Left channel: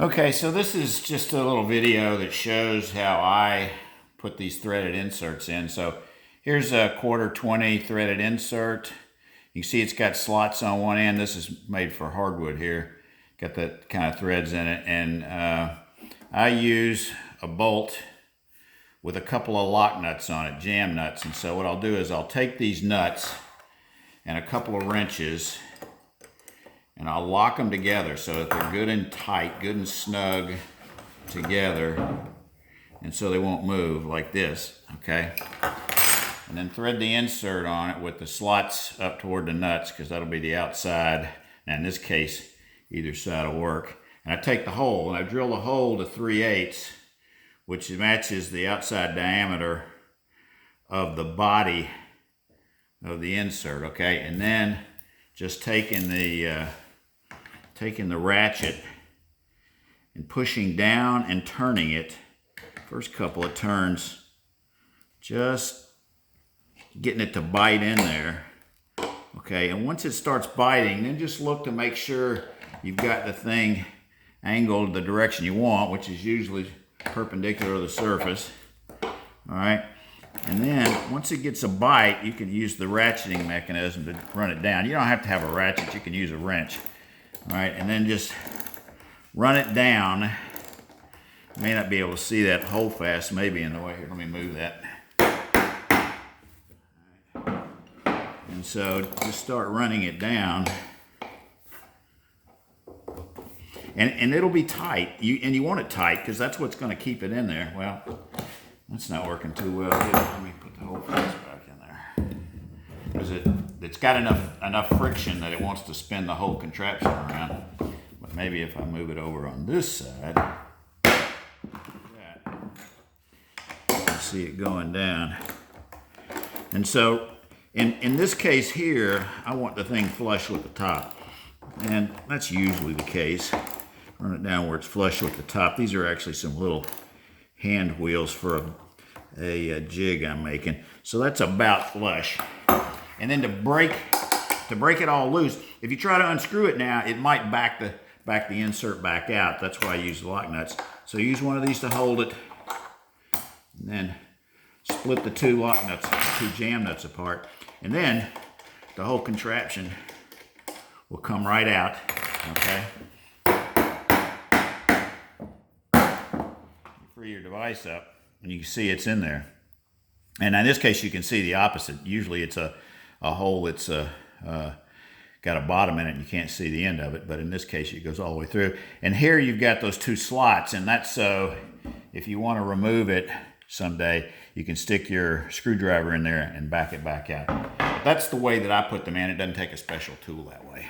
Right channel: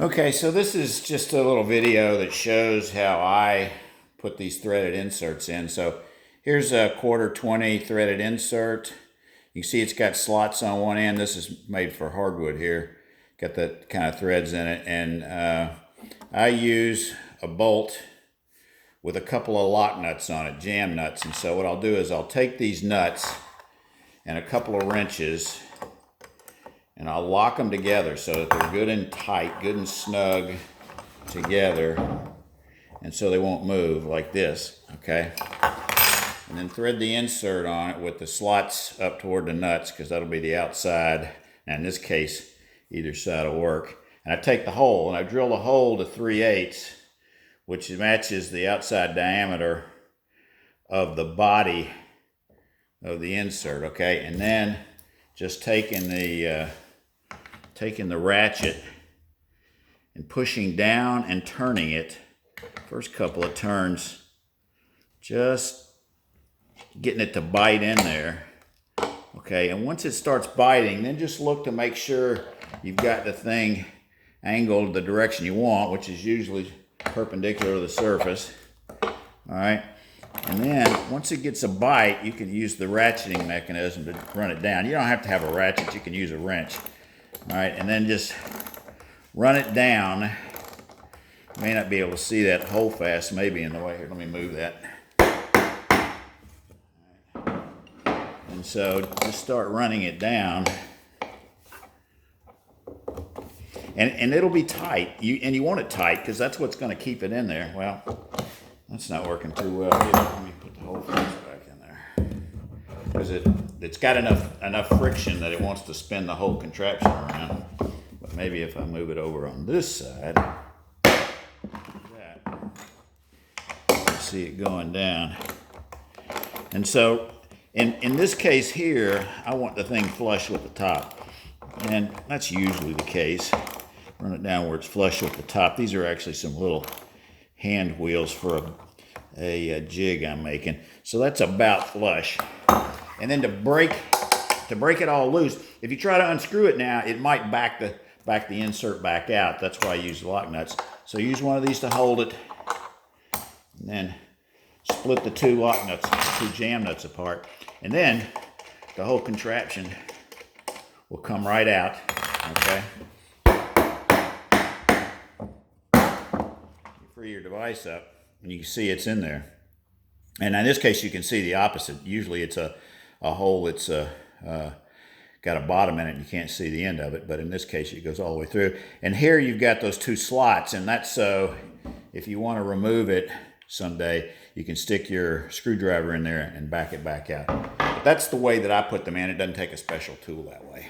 Okay, so this is just a little video that shows how I put these threaded inserts in. So here's a 1/4 threaded insert. You can see it's got slots on one end. This is made for hardwood here. Got that kind of threads in it. And I use a bolt with a couple of lock nuts on it, jam nuts. And so what I'll do is I'll take these nuts and a couple of wrenches and I'll lock them together so that they're good and tight, good and snug together, and so they won't move like this, okay? And then thread the insert on it with the slots up toward the nuts, because that'll be the outside, and in this case, either side will work. And I take the hole, and I drill the hole to 3/8, which matches the outside diameter of the body of the insert, okay? And then just taking the ratchet and pushing down and turning it, first couple of turns, just getting it to bite in there, okay? And once it starts biting, then just look to make sure you've got the thing angled the direction you want, which is usually perpendicular to the surface, all right? And then once it gets a bite, you can use the ratcheting mechanism to run it down. You don't have to have a ratchet, you can use a wrench. All right, and then just run it down. You may not be able to see that hole fast, maybe in the way. Here, let me move that. And so just start running it down. And it'll be tight. You want it tight because that's what's going to keep it in there. Well, that's not working too well. Here, let me put the hole back in there. Because it's got enough friction that it wants to spin the whole contraption around. But maybe if I move it over on this side, like that, you see it going down. And so in this case here, I want the thing flush with the top. And that's usually the case. Run it down where it's flush with the top. These are actually some little hand wheels for a jig I'm making. So that's about flush. And then to break it all loose, if you try to unscrew it now, it might back the insert back out. That's why I use lock nuts. So use one of these to hold it, and then split the two lock nuts, two jam nuts apart, and then the whole contraption will come right out. Okay. You free your device up, and you can see it's in there. And in this case, you can see the opposite. Usually, it's a hole that's got a bottom in it and you can't see the end of it, but in this case it goes all the way through. And here you've got those two slots, and that's so if you want to remove it someday, you can stick your screwdriver in there and back it back out. But that's the way that I put them in. It doesn't take a special tool that way.